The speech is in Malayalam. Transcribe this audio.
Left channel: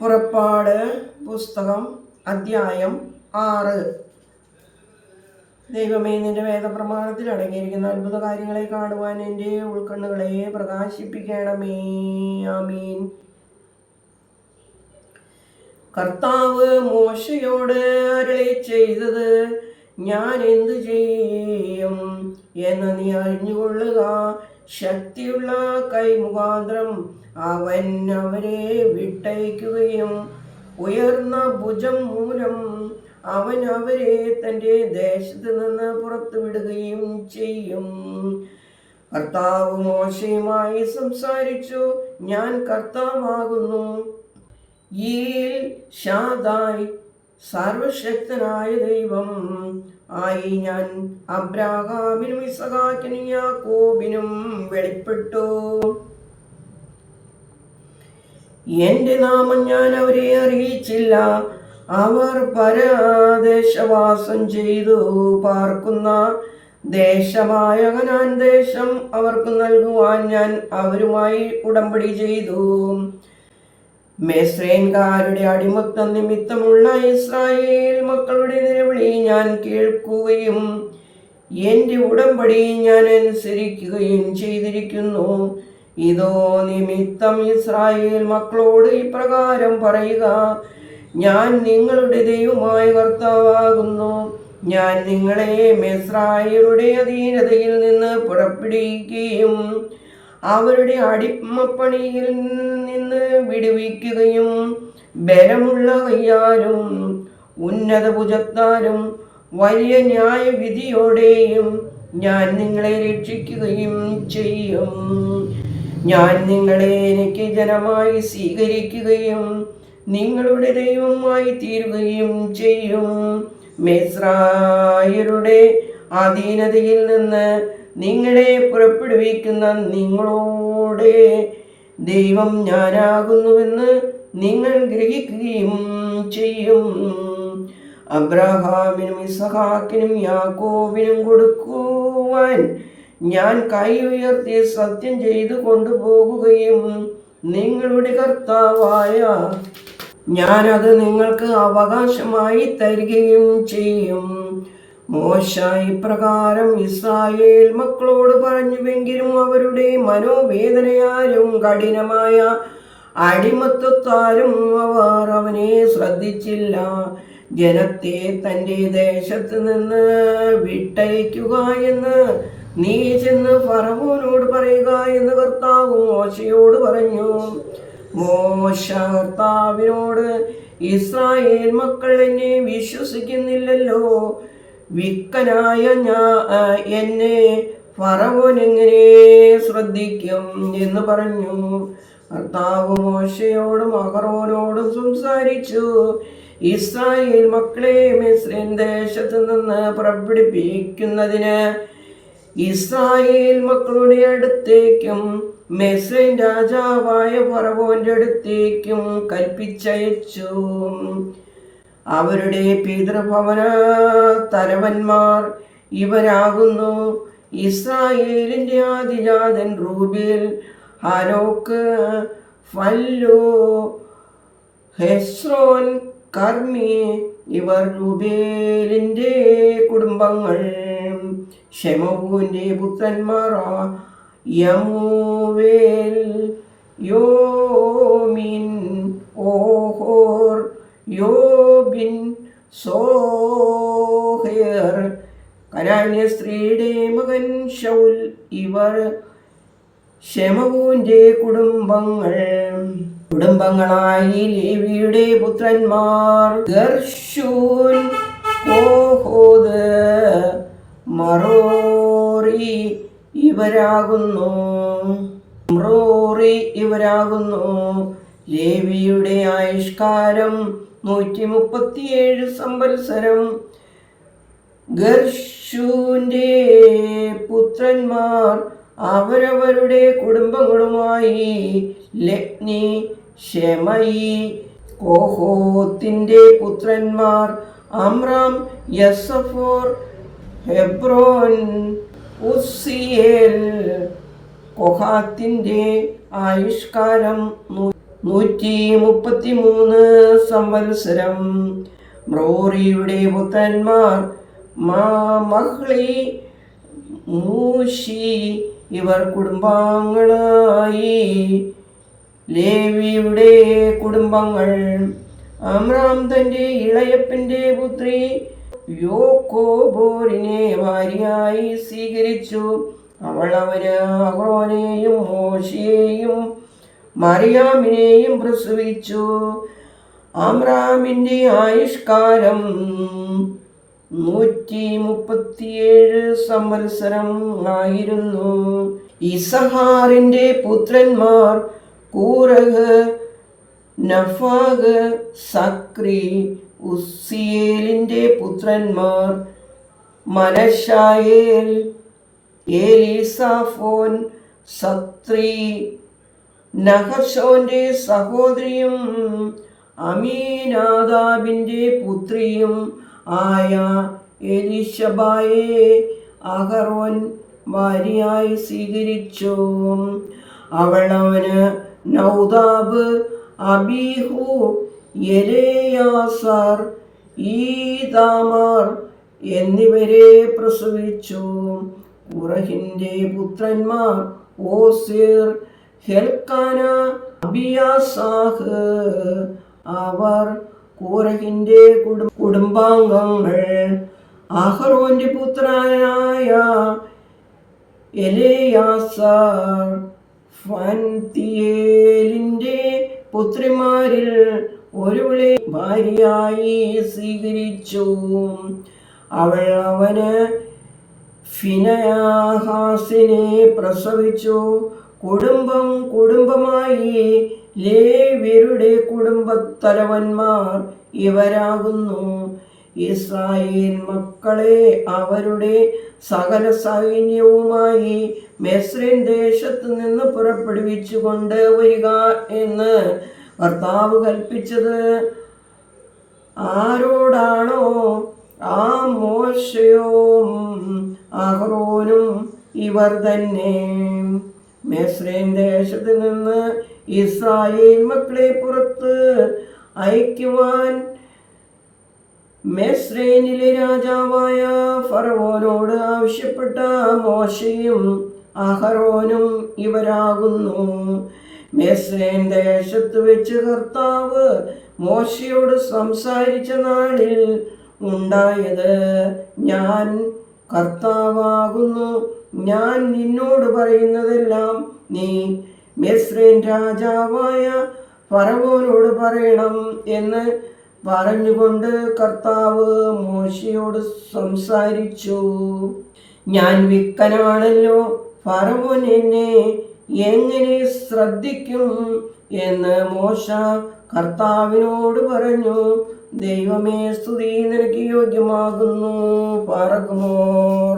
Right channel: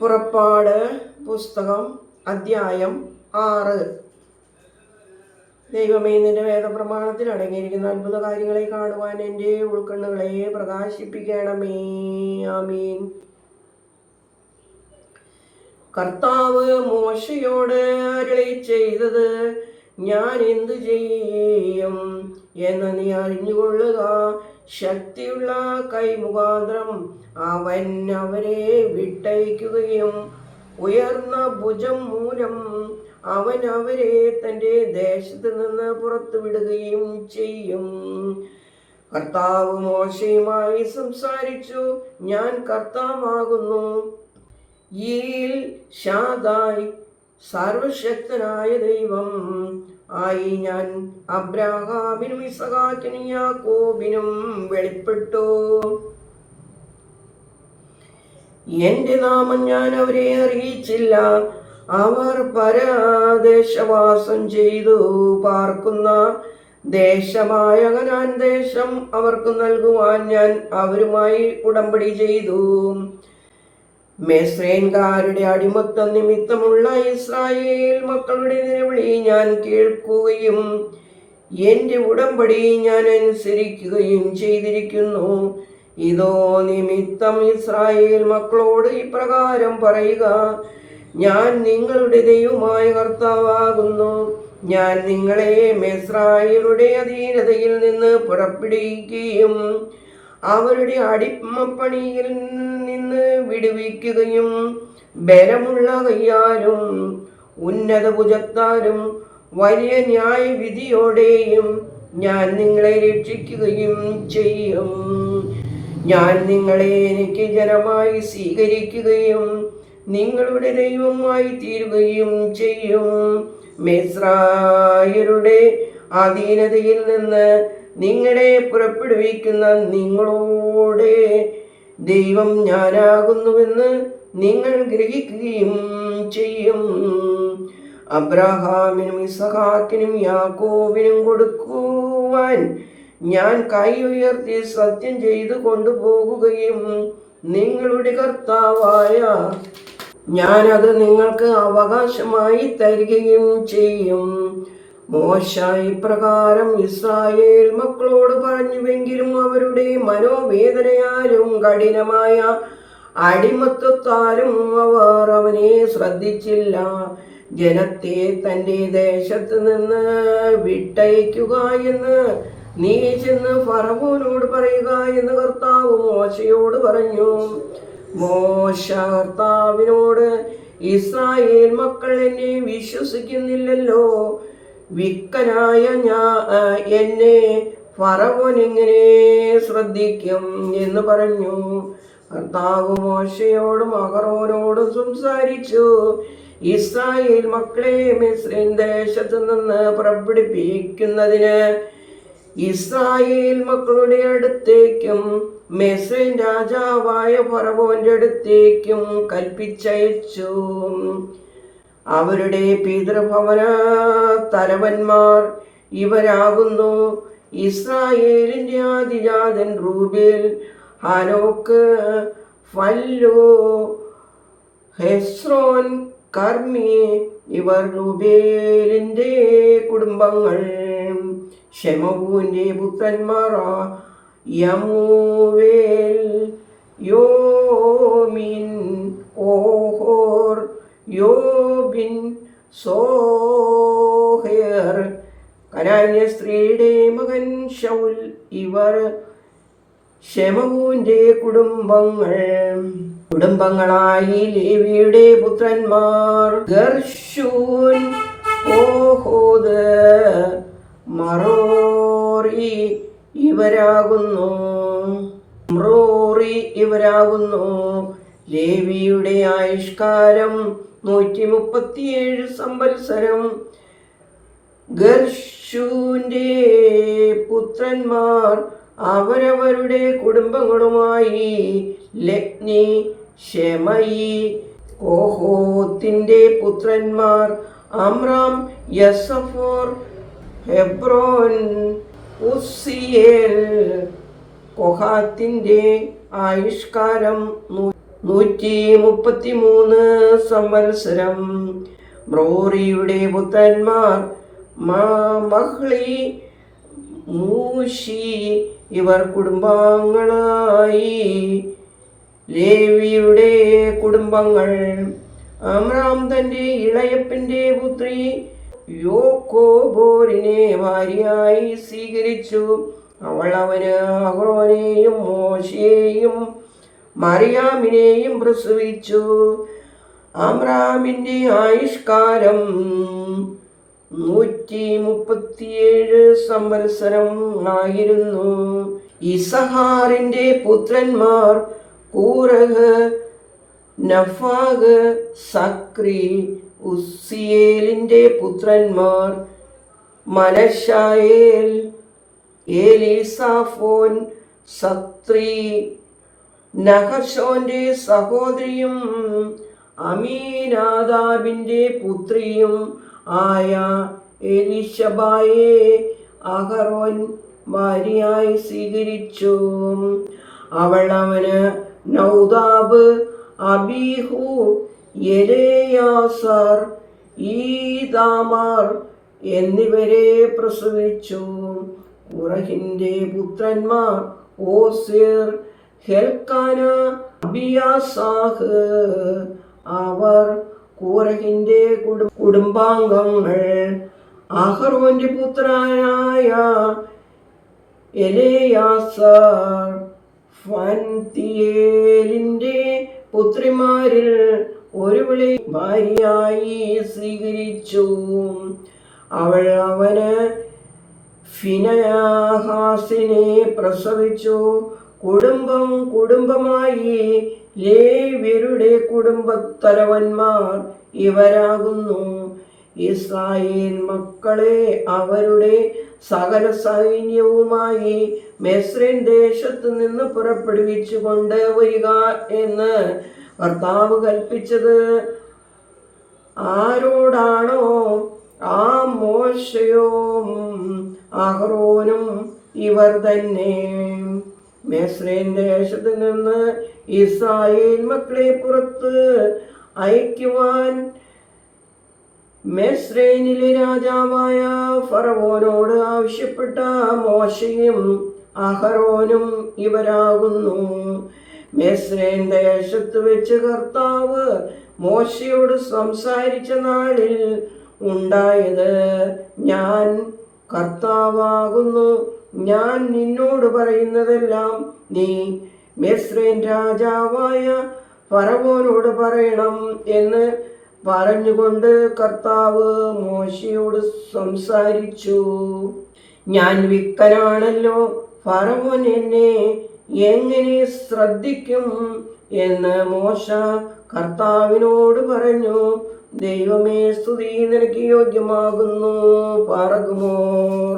പുറപ്പാട് പുസ്തകം അധ്യായം 6. ദൈവമേ, നിന്റെ വേദപ്രമാണത്തിൽ അടങ്ങിയിരിക്കുന്ന അത്ഭുത കാര്യങ്ങളെ കാണുവാൻ എൻ്റെ ഉൾക്കണ്ണുകളെ പ്രകാശിപ്പിക്കണമേ. ആമീൻ. കർത്താവ് മോശയോട് അരുളി ചെയ്തത്, ഞാൻ എന്തു ചെയ്യും എന്ന് നീ അറിഞ്ഞുകൊള്ളുക. ശക്തിയുള്ള കൈമുഖാന്തരം അവൻ അവരെ വിട്ടയക്കുകയും ഉയർന്ന ഭുജം മൂലം അവൻ അവരെ തൻ്റെ ദേശത്ത് നിന്ന് പുറത്തുവിടുകയും ചെയ്യും. കർത്താവ് മോശയുമായി സംസാരിച്ചു, ഞാൻ കർത്താവാകുന്നു. ഈൽ ഷാദായ്, സർവശക്തനായ ദൈവം ആയി ഞാൻ അബ്രാഹാമിനും ഇസഹാക്കിനും യാക്കോബിനും വെളിപ്പെട്ടു. എൻ്റെ നാമം ഞാൻ അവരെ അറിയിച്ചില്ല. അവർ പരദേശവാസം ചെയ്തു പാർക്കുന്ന ദേശമായ കനാൻ ദേശം അവർക്ക് നൽകുവാൻ ഞാൻ അവരുമായി ഉടമ്പടി ചെയ്തു. മിസ്രയീംകാരുടെ അടിമത്തം നിമിത്തമുള്ള ഇസ്രായേൽ മക്കളുടെ നിലവിളി ഞാൻ കേൾക്കുകയും എൻ്റെ ഉടമ്പടി ഞാൻ അനുസരിക്കുകയും ചെയ്തിരിക്കുന്നു. ഇതോ നിമിത്തം ഇസ്രായേൽ മക്കളോട് ഇപ്രകാരം പറയുക, ഞാൻ നിങ്ങളുടെ ദൈവമായ കർത്താവാകുന്നു. ഞാൻ നിങ്ങളെ മിസ്രയീമ്യരുടെ അധീനതയിൽ നിന്ന് പുറപ്പെടുവിക്കുകയും അവരുടെ അടിമപ്പണിയിൽ നിന്ന് വിടുവിക്കുകയും ബലമുള്ള കയ്യാലും ഉന്നത ഭുജത്താലും വലിയ ന്യായവിധിയോടെയും ഞാൻ നിങ്ങളെ രക്ഷിക്കുകയും ചെയ്യും. ഞാൻ നിങ്ങളെ എനിക്ക് ജനമായി സ്വീകരിക്കുകയും നിങ്ങളുടെ ദൈവമായി തീരുകയും ചെയ്യും. മിസ്രയീമ്യരുടെ അധീനതയിൽ നിന്ന് നിങ്ങളെ പുറപ്പെടുവിക്കുന്ന നിങ്ങളോട് ദൈവം ഞാനാകുന്നുവെന്ന് നിങ്ങൾ ഗ്രഹിക്കുകയും ചെയ്യും. അബ്രാഹാമിനും ഇസഹാക്കിനും യാക്കോബിനും കൊടുക്കുവാൻ ഞാൻ കൈ ഉയർത്തി സത്യം ചെയ്തു കൊണ്ടുപോകുകയും നിങ്ങളുടെ കർത്താവായ ഞാനത് നിങ്ങൾക്ക് അവകാശമായി തരികയും ചെയ്യും. മോശ ഇപ്രകാരം ഇസ്രായേൽ മക്കളോട് പറഞ്ഞുവെങ്കിലും അവരുടെ മനോവേദനയാലും കഠിനമായ അടിമത്തത്താലും അവർ അവനെ ശ്രദ്ധിച്ചില്ല. ജനത്തെ തൻ്റെ ദേശത്ത് നിന്ന് വിട്ടയക്കുക എന്ന് നീ ചെന്ന് ഫറവോനോട് പറയുക എന്ന് കർത്താവ് മോശയോട് പറഞ്ഞു. മോശ കർത്താവിനോട്, ഇസ്രായേൽ മക്കൾ എന്നെ വിശ്വസിക്കുന്നില്ലല്ലോ, വിക്കനായ എന്നെ ഫറവോൻ എങ്ങനെ ശ്രദ്ധിക്കും എന്ന് പറഞ്ഞു. കർത്താവ് മോശയോടും അഹരോനോടും സംസാരിച്ചു, ഇസ്രായേൽ മക്കളെ മിസ്രയീം ദേശത്ത് നിന്ന് പുറപ്പെടുവിക്കുന്നതിന് ഇസ്രായേൽ മക്കളുടെ അടുത്തേക്കും മിസ്രയീം രാജാവായ ഫറവോന്റെ അടുത്തേക്കും കൽപ്പിച്ചയച്ചു. അവരുടെ പിതൃഭവന തലവന്മാർ ഇവരാകുന്നു: ഇസ്രായേലിന്റെ ആദിജാതൻ റൂബേൽ, ഹാനോക്ക്, ഫല്ലു, ഹെസ്രോൻ, കർമ്മി. ഇവർ റൂബേലിന്റെ കുടുംബങ്ങൾ. ശെമൂവിന്റെ പുത്രന്മാർ യമൂവേൽ, യോമിൻ, ഓഹോർ, യോബിൻ, സോഹേർ. കനാന്യ സ്ത്രീയുടെ മകൻ ശൗൽ. ഇവർ ശെമൂവിന്റെ കുടുംബങ്ങളായി ലേവിയുടെ പുത്രന്മാർ ഗർശൂൻ, കോഹോദ്, മറോറി ഇവരാകുന്നു. ലേവിയുടെ ആയുഷ്കാലം 137 സംവത്സരം. ഗർശൂന്റെ പുത്രന്മാർ അവരവരുടെ കുടുംബങ്ങളുമായി ലഗ്നി, ശെമയി. കോഹോത്തിന്റെ പുത്രന്മാർ അമ്രാം, യസഫോർ, ഹെബ്രോൻ, ഉസ്സിയേൽ. കൊഹാത്തിന്റെ ആയുഷ്കാലം 133 സംവത്സരം. മ്രോറിയുടെ പുത്രന്മാർ മഹ്ലി, മൂശി ഇവർ കുടുംബാംഗങ്ങളായി. ലേവിയുടെ കുടുംബങ്ങൾ. അമ്രാം തൻ്റെ ഇളയപ്പൻ്റെ പുത്രി യോക്കോബോരിനെ ഭാര്യയായി സ്വീകരിച്ചു. അവൾ അവന് അഹ്റോനെയും മോശയെയും മറിയാമിനെയും പ്രസവിച്ചു. അമ്രാമിൻ്റെ ആയുഷ്കാലം 137 സംവത്സരം ആയിരുന്നു. ഇസഹാറിൻ്റെ പുത്രന്മാർ കൂറഹ്, നഫാഗ്, സക്രി. ഉസ്സിയേലിൻ്റെ പുത്രന്മാർ മനശായേൽ, എലീസാഫോൻ, സത്രി. നഹശോന്റെ സഹോദരിയും അമീനാദാബിൻ്റെ പുത്രിയും ആയ എലിശബായെ അഹറോൻ ഭാര്യയായി സ്വീകരിച്ചു. അവൾ അവന് നൗദാബ്, അബീഹു, എലെയാസാർ, ഈതാമാർ എന്നിവരെ പ്രസവിച്ചു. കുറഹിൻ്റെ പുത്രന്മാർ ഓസിർ, ഹെൽക്കാന, അബിയാസാഹ്. അവർ കൂറഹിൻ്റെ കുടുംബാംഗങ്ങൾ. അഹ്റോന്റെ പുത്രനായ എലെയാസാർ ഫൻതിയേലിൻ്റെ പുത്രിമാരിൽ ഒരുവളെ ഭാര്യയായി സ്വീകരിച്ചു. അവൾ അവന് ഫിനെഹാസിനെ പ്രസവിച്ചു. കുടുംബമായി ലേവ്യരുടെ കുടുംബത്തലവന്മാർ ഇവരാകുന്നു. ഇസ്രായേൽ മക്കളെ അവരുടെ സകല സൈന്യവുമായി മിസ്രയീം ദേശത്ത് നിന്ന് പുറപ്പെടുവിച്ചു കൊണ്ട് വരിക എന്ന് കർത്താവ് കൽപ്പിച്ചത് ആരോടാണോ ആ മോശയും അഹ്റോനും ഇവർ തന്നെ. മിസ്രയീം ദേശത്ത് നിന്ന് ഇസ്രായേൽ മക്കളെ പുറത്ത് അയക്കുവാൻ മിസ്രയീമിലെ രാജാവായ ഫറവോനോട് ആവശ്യപ്പെട്ട മോശയും അഹ്റോനും ഇവരാകുന്നു. മിസ്രയീം ദേശത്ത് വെച്ച് കർത്താവ് മോശയോട് സംസാരിച്ച നാളിൽ ഉണ്ടായത് ഞാൻ കർത്താവാകുന്നു. ഞാൻ നിന്നോട് പറയുന്നതെല്ലാം നീ മിസ്രയീം രാജാവായ ഫറവോനോട് പറയണം എന്ന് പറഞ്ഞുകൊണ്ട് കർത്താവ് മോശയോട് സംസാരിച്ചു. ഞാൻ വിക്കനാണല്ലോ, ഫറവോൻ എന്നെ എങ്ങനെ ശ്രദ്ധിക്കും എന്ന് മോശ കർത്താവിനോട് പറഞ്ഞു. ദൈവമേ, സ്തുതി നിനക്ക് യോഗ്യമാകുന്നു. പറകുമോർ.